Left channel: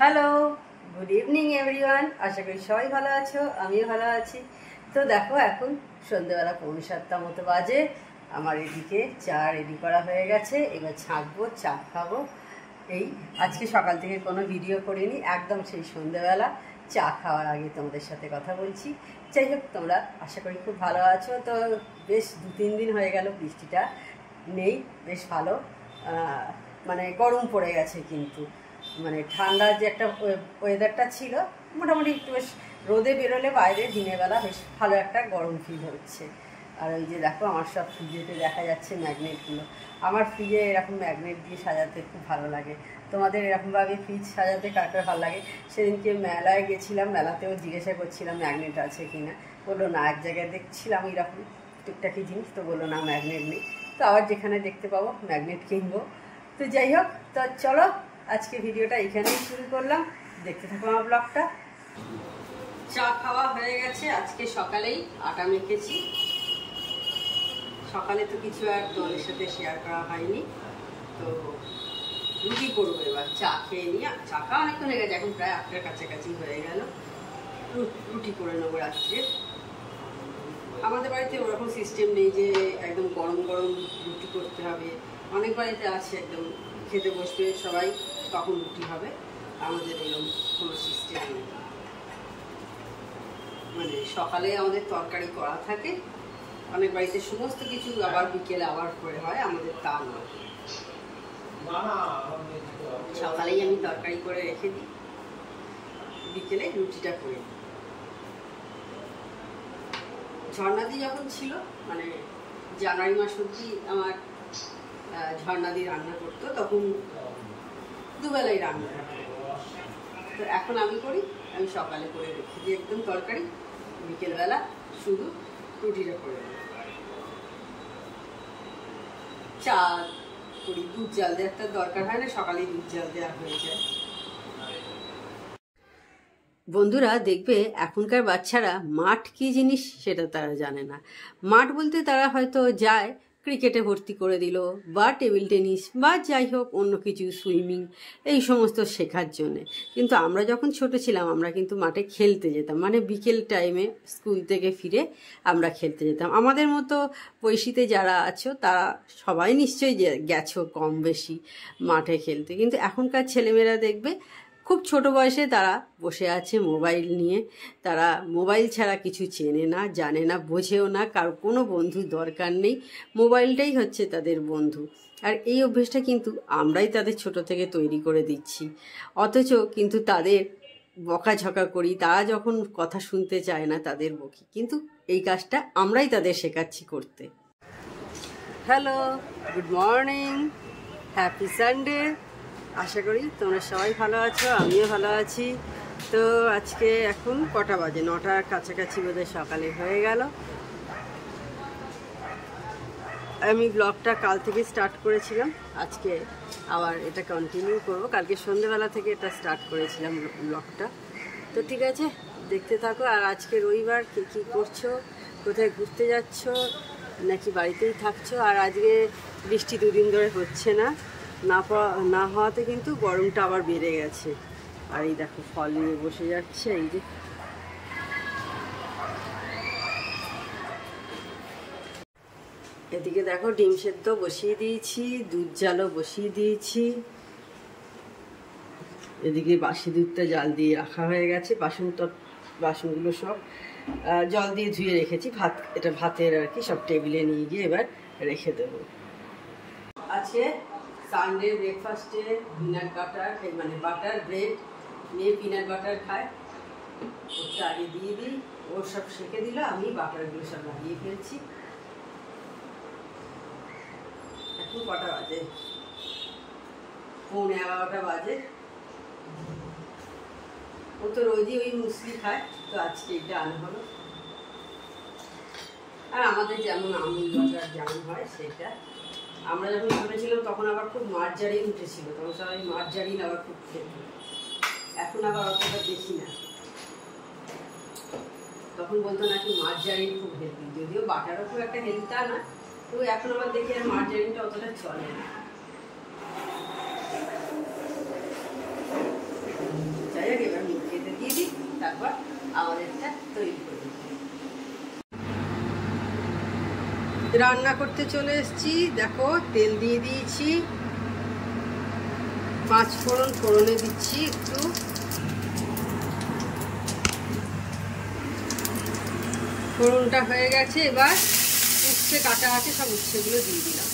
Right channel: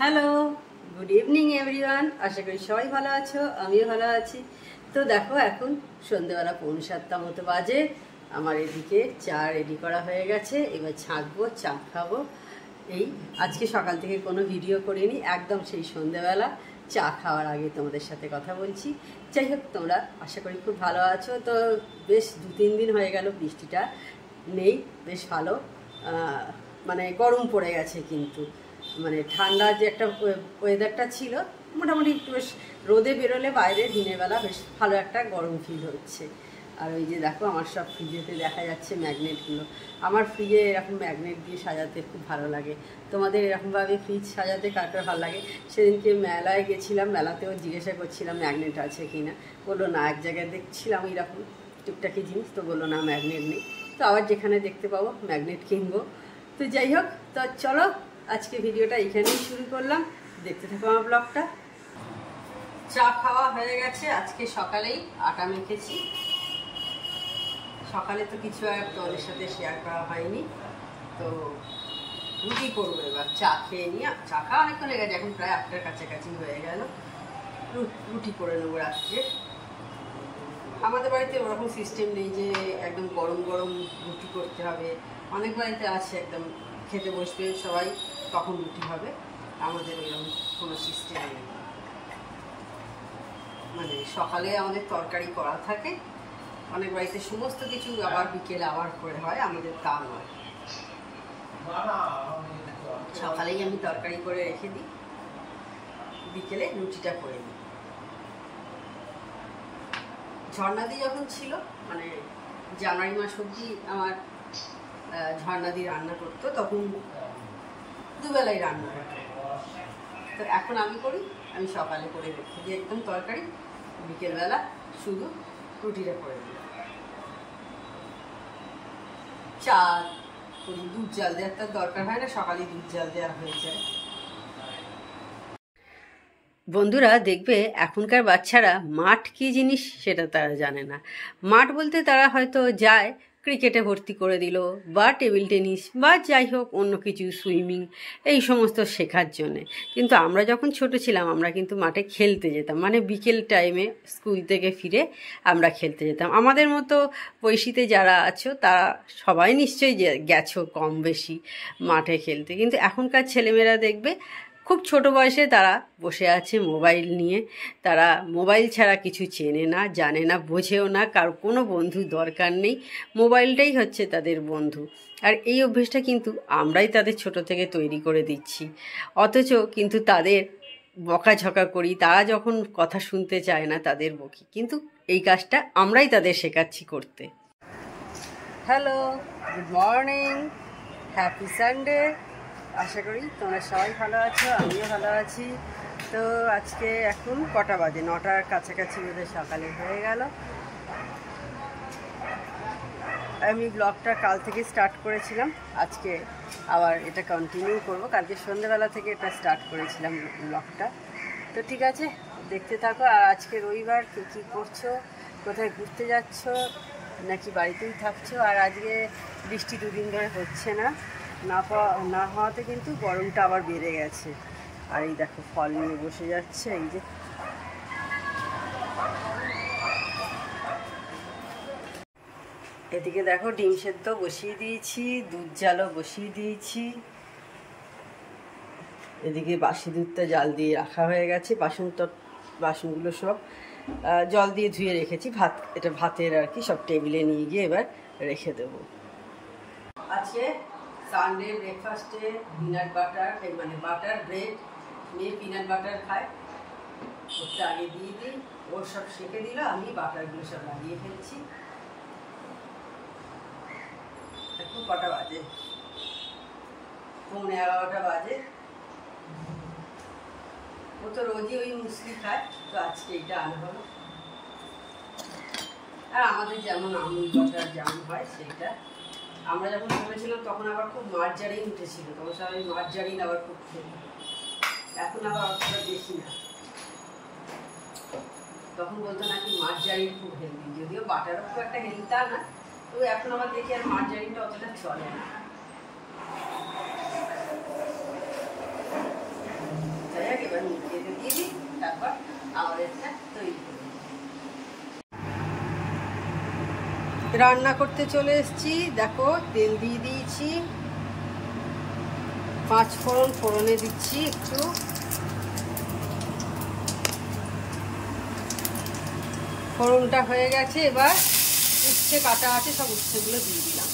Hello, good evening everyone. আশা করি সবাই ভালো আছো, আমিও ভালো আছি। তো দেখো এখন সন্ধ্যেবেলা 6:45 মতো বাজে। আমার এদিকে চা রেডি করা হয়ে গেছে, এবার ছাঁকবো, চা খাবো। এই আজকে সকাল থেকে কোনো ভিডিও করিনি, একদম সেই সন্ধ্যেবেলা চা খাওয়ার আগে তোমাদের সাথে কথা বলছি। যাই হোক, তোমরা আশা করি খুব ভালো আছো। তো বেশ 2-3 দিন হয়ে গেল বৃষ্টিটা নেই, বেশ ভালো। মানে গরম পড়ে গেছে, কিন্তু মানে ঠান্ডার যে একটা ওয়েদারটা ছিল, মোটামুটি একটু বেশ রোদে বেরোলে বাইরে দিনের বেলা বেশ ভালো একটা গরম ফিল হচ্ছে। আর ওই যে দেখো আমার সব ফ্রিজেতে দেখা যাচ্ছে ম্যাগনেটগুলো। আমার ফ্রিজে এরকম ম্যাগনেট দিয়ে সাজাতে খুব ভালো লাগে। তোমাদের এরকমভাবে ফ্রিজ সাজাতে কার কার ভালো লাগে? সেদিনকে মেলায় গেছিলাম, মেলাতেও জিজ্ঞাসা করছিলাম ম্যাগনেট আছে কি না। বললো না, এক জায়গায় দেখছিলাম এরকম টুকটাকি জিনিস, তো বললো না ম্যাগনেট নেই। তো আবার যেখানে দেখতে পাবো ম্যাগনেট কিনবো। তো যাই হোক, তো চলো আজকে ভিডিওটা এখানেই শুরু করলাম, দেখতে থাকো আমার ব্লগটা। চা খাওয়া হয়ে গেছে, আজকে সকালেই আটা মেখেছি। সকালে তো কিছু আর তোমাদের সাথে শেয়ার করা হয়নি, তো রুটি করবো এবার। চা খেয়ে নিয়ে, চা খাওয়া অনেকক্ষণ হয়ে গেছে, এখন প্রায় 8টার কাছাকাছি হয়ে গেল। রুটি করে নেবো রাত্রে। আমাদের বাড়িতে ওরকম সিস্টেম নেই যে একদম গরম গরম রুটি করতে হবে। অনেক বাড়িতে আছে একদম খেতে বসবে সবাই, তখন রুটি হবে। আমাদের এরকম কোনো সিস্টেম নেই। মানে সকালে আমাদের তরকারি করা থাকে, অনেক বাড়িতে সমস্ত কিছু আবার বিকেলে আবার করে হয়, আমাদের তা নয়। সকালেই আমি তরকারি করে রেখে দিই, বিকেলে রুটিটা করে দিই। ঝর্ণাদি যখন ছিল, মানে জানুয়ারি মাস অবধি আমার ঝর্ণাদি রান্না করতো, তখন দুবেলাই রান্না করতো। তো এখন আমি করি, আমি সকালে করে রেখে দিই একদম তরকারি, বিকেলবেলা শুধু রুটিটা করে দিই। চা করি, দুধ জাল দেওয়ার তো দরকার হয় না, সকালেই দুধ জাল দেওয়া হয়ে যায়। বন্ধুরা দেখবে এখনকার বাচ্চারা মাঠ কী জিনিস সেটা তারা জানে না। মাঠ বলতে তারা হয়তো যায় ক্রিকেটে ভর্তি করে দিল, বা টেবিল টেনিস, বা যাই হোক অন্য কিছু, সুইমিং, এই সমস্ত শেখার জন্যে। কিন্তু আমরা যখন ছোট ছিলাম, আমরা কিন্তু মাঠে খেলতে যেতাম। মানে বিকেল টাইমে স্কুল থেকে ফিরে আমরা খেলতে যেতাম। আমাদের মতো বয়সীতে যারা আছো তারা সবাই নিশ্চয়ই গেছো কম বেশি মাঠে খেলতে। কিন্তু এখনকার ছেলেমেয়েরা দেখবে খুব ছোট বয়সে তারা বসে আছে মোবাইল নিয়ে। তারা মোবাইল ছাড়া কিছু চেনে না, জানে না, বোঝেও না। কারো কোনো বন্ধু দরকার নেই, মোবাইলটাই হচ্ছে তাদের বন্ধু। আর এই অভ্যেসটা কিন্তু আমরাই তাদের ছোট থেকে তৈরি করে দিচ্ছি। অথচ কিন্তু তাদের বকাঝকা করি, তারা যখন কথা শুনতে চায় না তাদের বকি, কিন্তু এই কাজটা আমরাই তাদের শেখাচ্ছি করতে। Hello, good morning, happy Sunday. আশা করি তোমরা সবাই ভালো আছো, আমিও ভালো আছি। তো আজকে এখন কটা বাজে? 9টার কাছাকাছি বোধহয় সকালে হয়ে গেল। আমি ব্লগটা কাল থেকে স্টার্ট করেছিলাম, আজকে আবার এটা কন্টিনিউ করব। কালকে সন্ধ্যেবেলা থেকে এটা স্টার্ট করেছিলাম ব্লগটা। তো ঠিক আছে, দেখতে থাকো। আর আজকে রবিবার, কে কী করছো, কোথায় ঘুরতে যাচ্ছ, নাকি বাড়িতেই থাকছো? আর আজকে বৃষ্টি 2 দিন ধরে হচ্ছে না হওয়াতে কিন্তু গরমটা আবার বেড়ে গেছে। আর এই দেখো ফল নিয়ে বসে যাচ্ছে, এই যে এদিকে দেখো ডিম সেদ্ধ বসিয়ে দিয়েছি, দুধ জালও বসিয়ে দিয়েছি। এদিকে বাসি দুধটা জাল দিয়ে রাখা হয়ে গেছে। বাসনগুলো সব জল দিয়ে ধুয়ে রেখেছি। এটা ভাতের আর কি, সব টেবিলে নিয়ে গিয়ে এবার রেখে দেবো। আছে সানডে ব্রেকফাস্টে পিনাট বাটার, মানে বাটার ব্রেড নিয়ে পিনাট বাটার খায়। ওটা আগে দিয়ে দিই, ওর সব সেঁকে দিল, আমি বাটারগুলো সব লাগিয়ে ফেলছি। এখন কটা বাজে? 11:15 বাজে। ও তো রোজই ওই মুসলি খায়, তো আজকে এটা আনা হলো। আর আমাদের যেমন আমুল বাটার যেমন হয় সেইটা। আমরা যখন ছোট ছিলাম তখন আবার খুব মার্জারিন উঠেছিল, তখন সবাই মার্জারিন আবার খুব খেত। এখন আবার অতটা দেখি না। তখন বলতো নাকি মার্জারিন খুব হেলদি, যদিও বাটারও খুব একটা হেলদি তা না, তবু এখন আবার দেখি আর মার্জারিনটা অতটা চলে না। তারপর আমাদেরটা তৈরি করব। রান্না করতে চলে এসেছি। দেখো তেল দিয়ে দিয়েছি, 5 ফোড়ন ফোড়নে দিচ্ছি একটু, ফোড়নটা হয়ে গেছে। এবার উচ্ছে কাটা আছে, সব উচ্ছেগুলো দিয়ে দিলাম।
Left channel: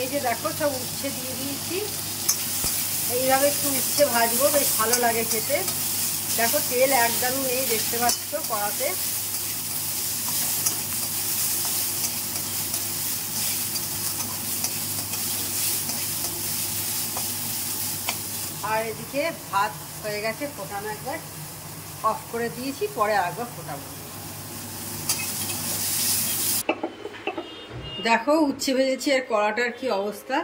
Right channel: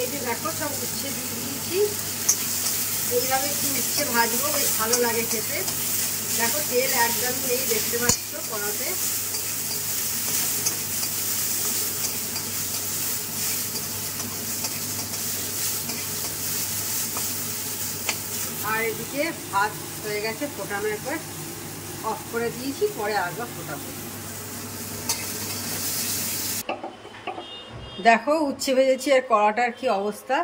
এই যে দেখো সব উচ্ছে দিয়ে দিয়েছি। এইভাবে একটু উচ্ছে ভাজবো, বেশ ভালো লাগে খেতে। দেখো তেল একদম নেই, দেখতে পাচ্ছ কড়াতে। আর এদিকে ভাত হয়ে গেছে ফোটানো, একবার অফ করে দিয়েছি, পরে আরেকবার ফোটাবো। দেখো উচ্ছে ভেজেছি আর কড়াটার কি অবস্থা।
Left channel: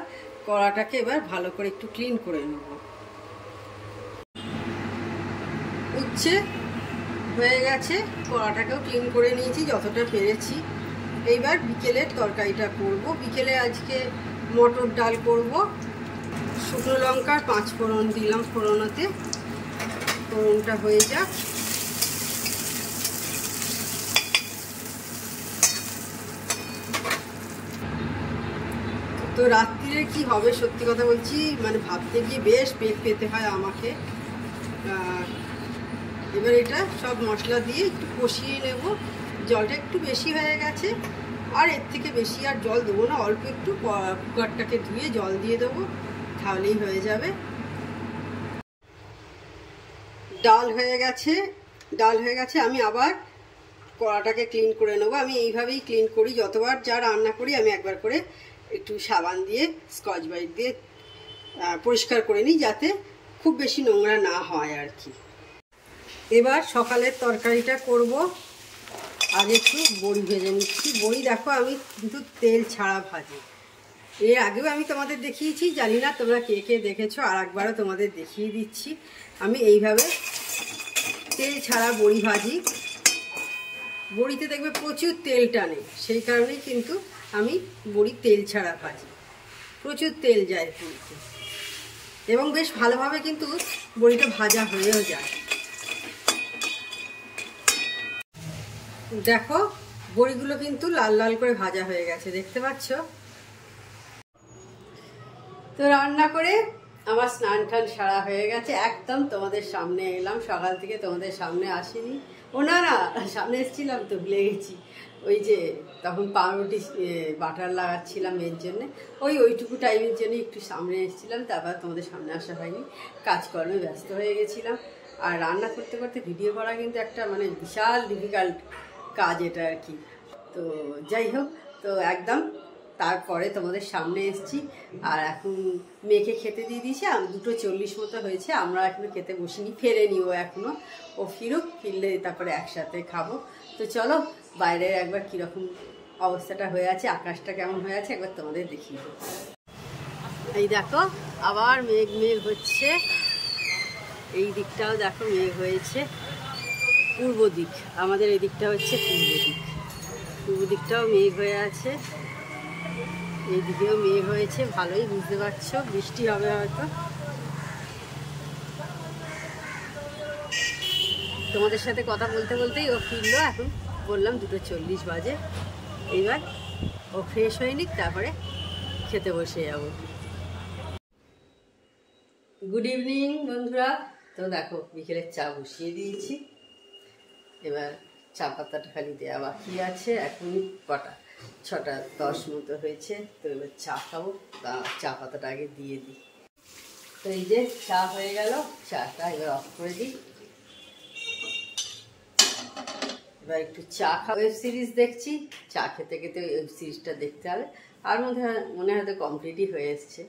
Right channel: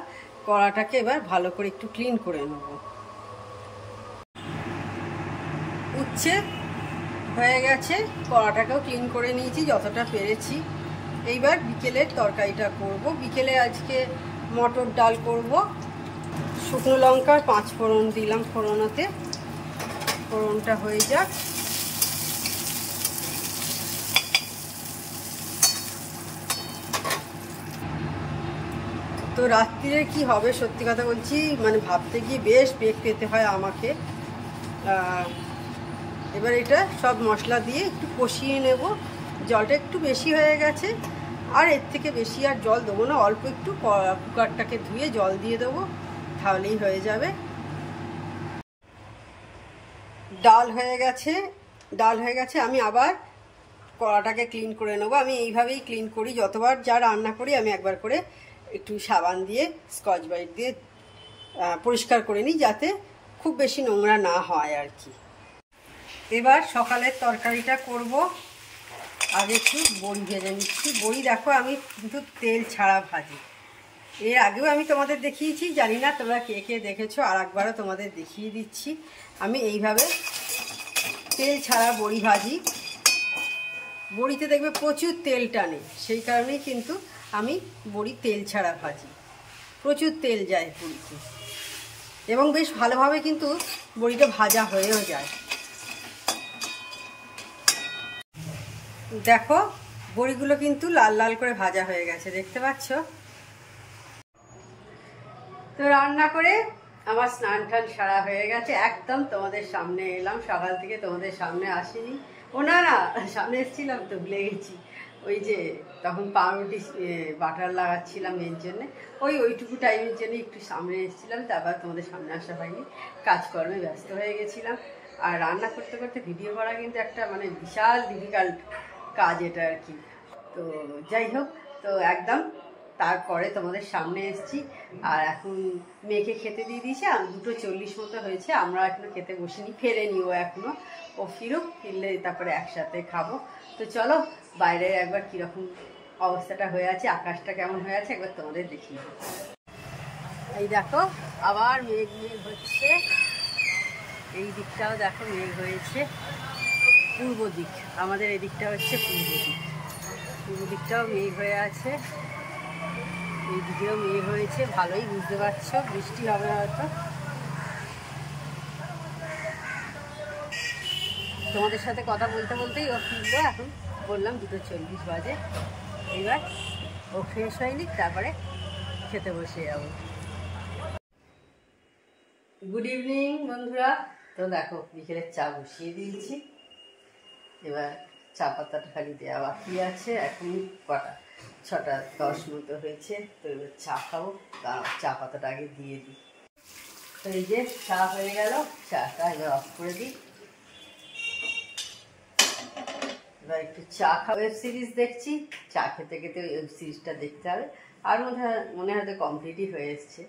কড়াটাকে এবার ভালো করে একটু ক্লিন করে নেব। উচ্ছে হয়ে গেছে, কড়াটাকেও ক্লিন করে নিয়েছি যতটা পেরেছি। এইবার বিকেলের তরকারিটা করব। বিকেলে আজকে মটর ডাল করব। শুকনো লঙ্কার 5 ফোড়ন দিলাম ফোড়নাতে, ফোড়নটা হয়ে যাক। তো রাত্রিরে কি হবে সত্যি কথা বলছি, মানে ভাবতে গিয়ে বেশ পেট পেতে হয় আমাকে। এবার এটা সব মশলা দিয়ে একটু কষিয়ে নেব। জলটা একটু বেশি হয়ে গেছে, আর এর থেকে বেশি আর জল দেবো না, অল্প একটু কুকারটাকে ধুয়ে জল দিয়ে দেবো, তাহলেই হয়ে যাবে। ডাল হয়ে গেছে। আমি আবার কড়াটাকে ক্লিন করে নেবো। আমি এইভাবেই ক্লিন করি, যতবার যা রান্না করি আমি একবার করে একটু সাবান দিয়ে স্কচ ব্রাইট দিয়ে পরিষ্কার করে নিই, যাতে খুব বেশি নোংরা না হয় আর কি। এবার সকালের তরকারিটা করব। আগে একটু বড়ি ভেজে নিচ্ছি। বড়ি দেখো আমি কিন্তু তেল ছাড়া ভাজি। এর আগেও আমি তোমাদের দেখিয়েছি, জানি না তোমরা কে কে দেখেছো, আর একবারও তোমাদের দেখিয়ে দিচ্ছি। আমি এইভাবে তেল ছাড়া বড়ি ভাজি। বড়িতে দেখবে প্রচুর তেল টানে, সেই কারণেই কিন্তু আমি বড়ি তেল ছাড়া ভাজি। প্রচুর তেল যায় বড়িতে, এবং বেশ ভালোভাবে কিন্তু বড়িটা ভাজা হয়েও যায়। দেখো বড়িগুলো কিন্তু লাল লাল করে ভাজা হয়ে গেছে, দেখতে পাচ্ছ। তো রান্না করে আমার স্নান টান সারা হয়ে গেছে, একদম তোমাদের সামনে এলাম। সকাল থেকে তোমাদের সামনে আসিনি। ও না, সামনে এসেছিলাম তো, ভুলে গেছি। ওই যে তখন পাউরুটি বাটার লাগাচ্ছিলাম, এর জন্যে ওইটুকু টাইমের জন্য একটু সামনে এসেছিলাম, তারপর তোমাদের সামনে আসা হয়নি। কাজকর্মে ব্যস্ত হয়ে গেছিলাম। আর রান্না করতে করতে ভিডিও করা কিন্তু একটা মানে বিশাল ডিফিকাল্ট কাজ এটা আর কি। তো যাই হোক, তো একদম তারপরে তোমাদের সামনে এসেছি। আর এখন মেয়েকে খেতে দিয়ে দিয়েছি, 2:40 মতো হয়েছে। আমরা এখনো খেতে বসিনি, ফেরেনি ও এখনো। ও ফিরলে তারপরে একসাথে খাবো। তো চলো বাইরের একবার কীরকম অবস্থাটা হয়ে আছে, আকাশটা কেমন হয়ে আছে একবার তোমাদের দেখিয়ে দেবো। এই দেখো আবার মেঘ হচ্ছে। এই দিকটাও দেখো মেঘ হয়েছে। পূর্ব দিক, আমাদের এই দিকটা হচ্ছে পূর্ব দিকটাও মেঘ হয়ে আছে। এই দিকেও মেঘ হয়েছে, ভালোই বুঝতে পারছো বৃষ্টি হবে হয়তো। তোমাদের সাথে কথা বলতে বলতেই ও ফিরলো। এখন বললাম 2:40 বাজে। এইবার ও ফ্রেশ হয়ে নিক, তারপরে খেতে বসে যাব। গুড ইভিনিং বন্ধুরা। তো দেখো বিকেলের চা বসিয়ে দিয়েছি। এবার চা পাতাটা খালি দেওয়া বাকি আছে। এখন কটা 6:10 মতো হয়েছে। তো এবার চা খাবো, তা চা পাতাটা আগে দিয়ে দিই। তো এই যে চা হয়ে গেল, চাটা এবার অফ করে দিই। এবার একটু চা খাবো। ওয়েব সিরিজ দেখছি, চা খেতে খেতে ওয়েব সিরিজটা দেখতে হবে। আর মনে হয়তো কমপ্লিটই হয়ে এসছে।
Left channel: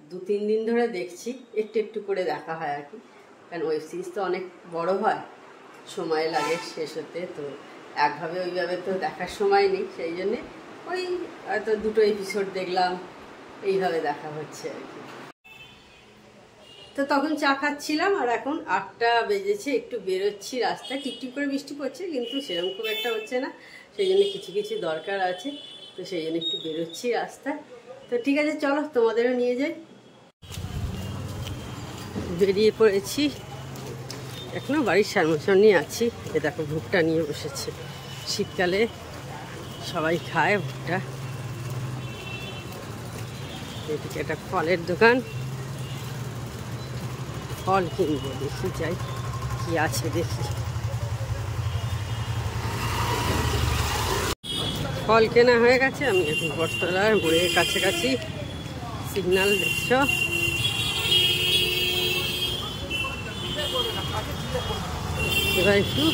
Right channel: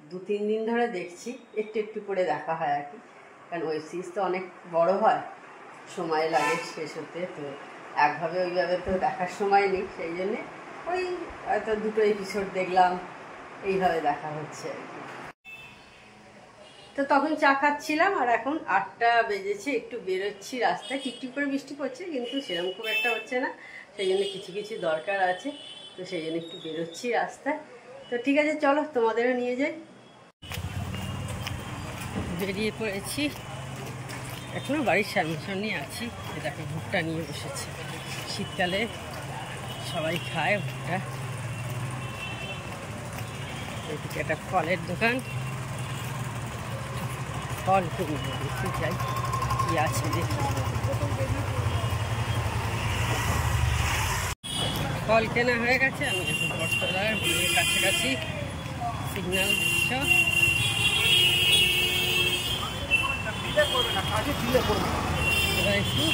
2-3 দিন ধরে দেখছি, একটু একটু করে দেখা হয় আর কি। কারণ ওয়েব সিরিজ তো অনেক বড় হয়, সময় লাগে শেষ হতে। তো ওইভাবে তো দেখার সময় নেই, সেই জন্যে ওই হয়তো 2টো এপিসোড দেখলাম, এইভাবে দেখা হচ্ছে আর কি। তো তখন চা খাচ্ছিলাম, আর এখন 8টা বেজেছে। একটু বেরোচ্ছি রাস্তায়, টিপটিপ করে বৃষ্টি পড়ছে, কিন্তু সেরকম খুব একটা হচ্ছে না। সেই জন্য কিছু কিছু দরকার আছে, তো সেই জন্য একটু বেরোচ্ছি রাস্তায়। তো ঠিক আছে, চলো তোমাদেরও নিয়ে যাই। বেরিয়ে পড়েছি। এখনো বাড়ির সামনাসামনি আছি। এ দেখো ভুট্টা নিয়ে বসেছে, শীতকালে সবাই খায় ভুট্টা। এদিকে একটা ফলের দোকান, ফল কিনবো, দেখি যাই কি আছে দেখি। ফল কেনা হয়ে গেছে, আমি এখন বটতলার মোড়ের কাছাকাছি। সিগন্যাল দেখছ, এবার একটু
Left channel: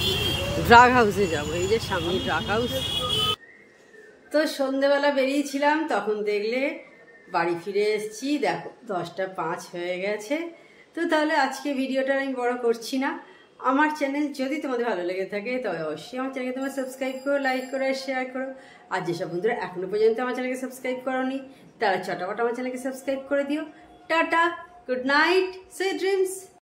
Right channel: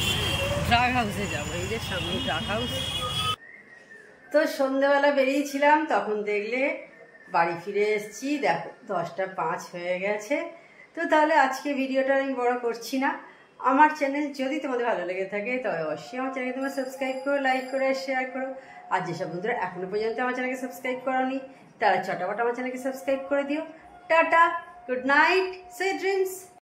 ড্রাগ হাউসে যাবো। এই যে সামনে ড্রাগ হাউস। তো সন্ধ্যেবেলা বেরিয়েছিলাম, তখন দেখলে বাড়ি ফিরে এসেছি, দেখো 10টা 5 হয়ে গেছে। তো তাহলে আজকে ভিডিওটা আমি বড় করছি না। আমার চ্যানেল যদি তোমাদের ভালো লেগে থাকে তবে অবশ্যই আমার চ্যানেলকে তোমরা সাবস্ক্রাইব করো, লাইক করো, শেয়ার করো। আর যেসব বন্ধুরা এখনো পর্যন্ত আমার চ্যানেলকে সাবস্ক্রাইব করোনি তারা চটাপট আমার চ্যানেলকে সাবস্ক্রাইব করে দিও। Tata, good night, sweet dreams.